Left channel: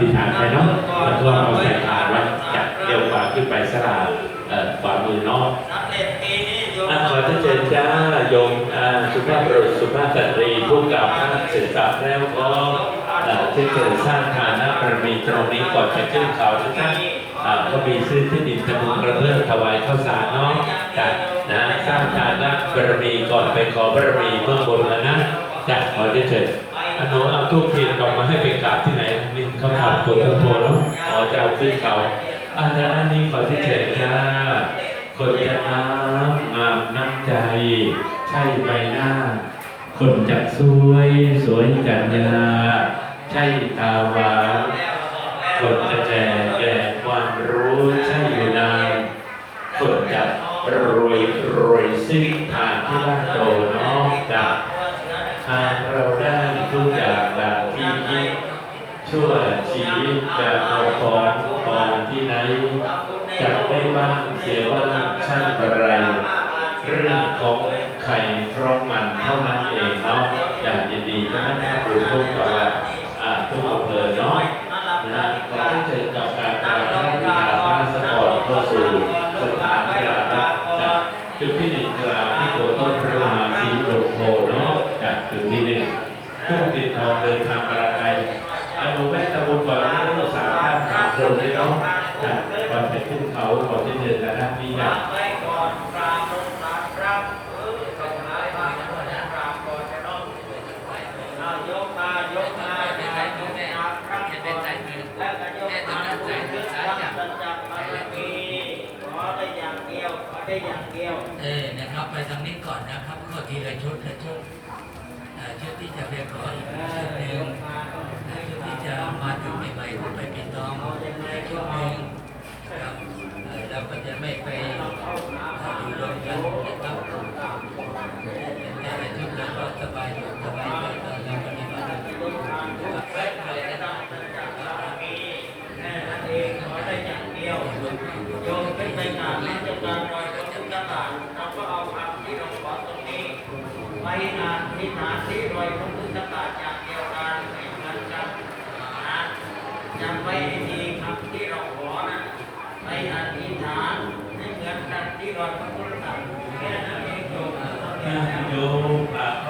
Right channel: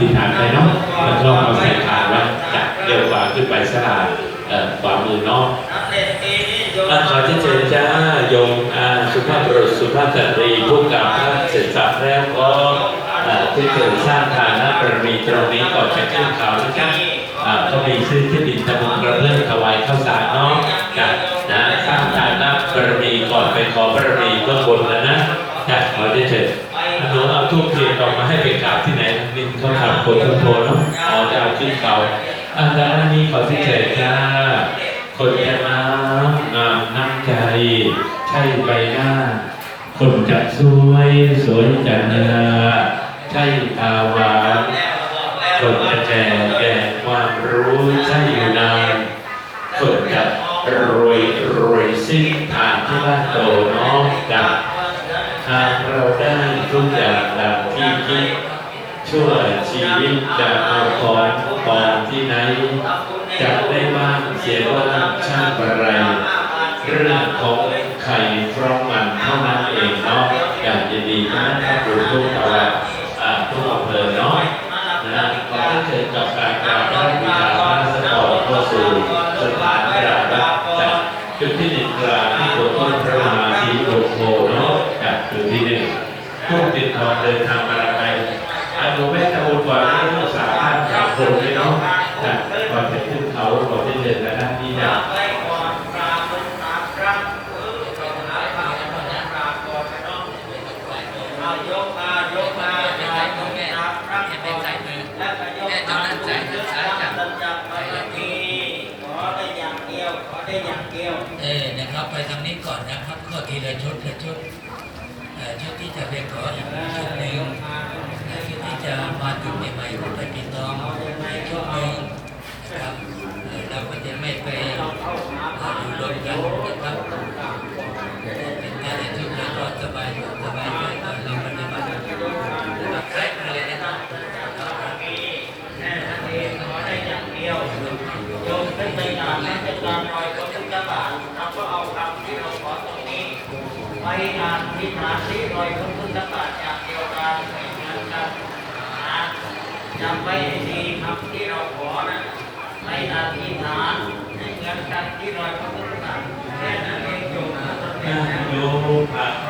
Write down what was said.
ธิษฐานไปเนาะแล้วก็เอาใส่ถาดไว้จับเกี่ยวขวาขึ้นไปสลาดขวามือเนาะอะขอเชิญเจ้าโยมสุภาพบุรุษสุภาพสตรีผู้กับท่านเสร็จสับแล้วก็ที่เกิดสร้างฐานะบารมีตรงนี้ก่อนจะขึ้นเขานะครับอ่าก็มีซื้อที่ดินตะบุงกระเพื่อมถวายข้าวสารเนาะจ้ะนะสร้างฐานะบารมีก่อนไปขอบารมีเบื้องบนนะนะจ้ะขอได้เถิดหนูเอาทูบเทียนกลับมาให้ไปกราบที่ เขาถามคนทุกคนแล้วอ๋อจะเอาขึ้นเขาอ่าด้านนี้ขอที่เถิดจ้าคนจะน้ำงามน้ำใจ ใช่ใบหน้า คนจะสวย สวยจันยาใช่ตาหวานคนจะแก่แก่ความรู้ใช่อยู่นานคนจะรวยรวยสิ้นทางที่บ้านโตเนาะจากหากเราได้ทุกอย่างดังที่คิดชั่ว ชีวิตจะเอาของปองที่ไหนจะได้บ้างเสียว่าช่างอะไรเรื่องของไข่พร้อมมันเท่านั้นเองเนาะอยากจะดีก็นั่นครับรู้ทุกตลาอ่าทุกอำเภอเนาะนะขอให้เชิญกับการกราบพระบิดาพระสปอร์ตเข้าสู่สถานกราบรับจากจุดที่หนึ่งกลางที่โบสถ์ต้นพระมหาชีโรโคเนาะจากจุดที่หนึ่งผู้ติดทอเดินทางมาไกลอนุแม่ตะวันก่อนให้รักษาท่านสามคนด้วยเนาะจากก่อนจะขึ้นเขาก่อนจะเดินและหน้าที่นะ เออนะครับไปทางนี้ก่อนนะครับข้อทีละชุดละชุดชุดที่จะไปขออีกชุดหนึ่งชุดที่จะมาถึงใหม่ๆก็ไปติดตองอีกชุดหนึ่งนะครับเราก็จะไม่ไปอยู่รวมกันนะครับเป็นแต่ละชุดแล้วก็สบายอยู่สบายใจตอนเราปฏิบัตินะครับใช้ไปเลยนะครับไปงานที่ฐานที่ร อยพระพุทธบาทอย่ากเดียวกันเหมือนกันนะจำไว้ดีคำที่เราขอนะในอธิษฐานให้เหมือนกันที่รอยพระพุทธบาทแค่นั้นเองโยมโยอา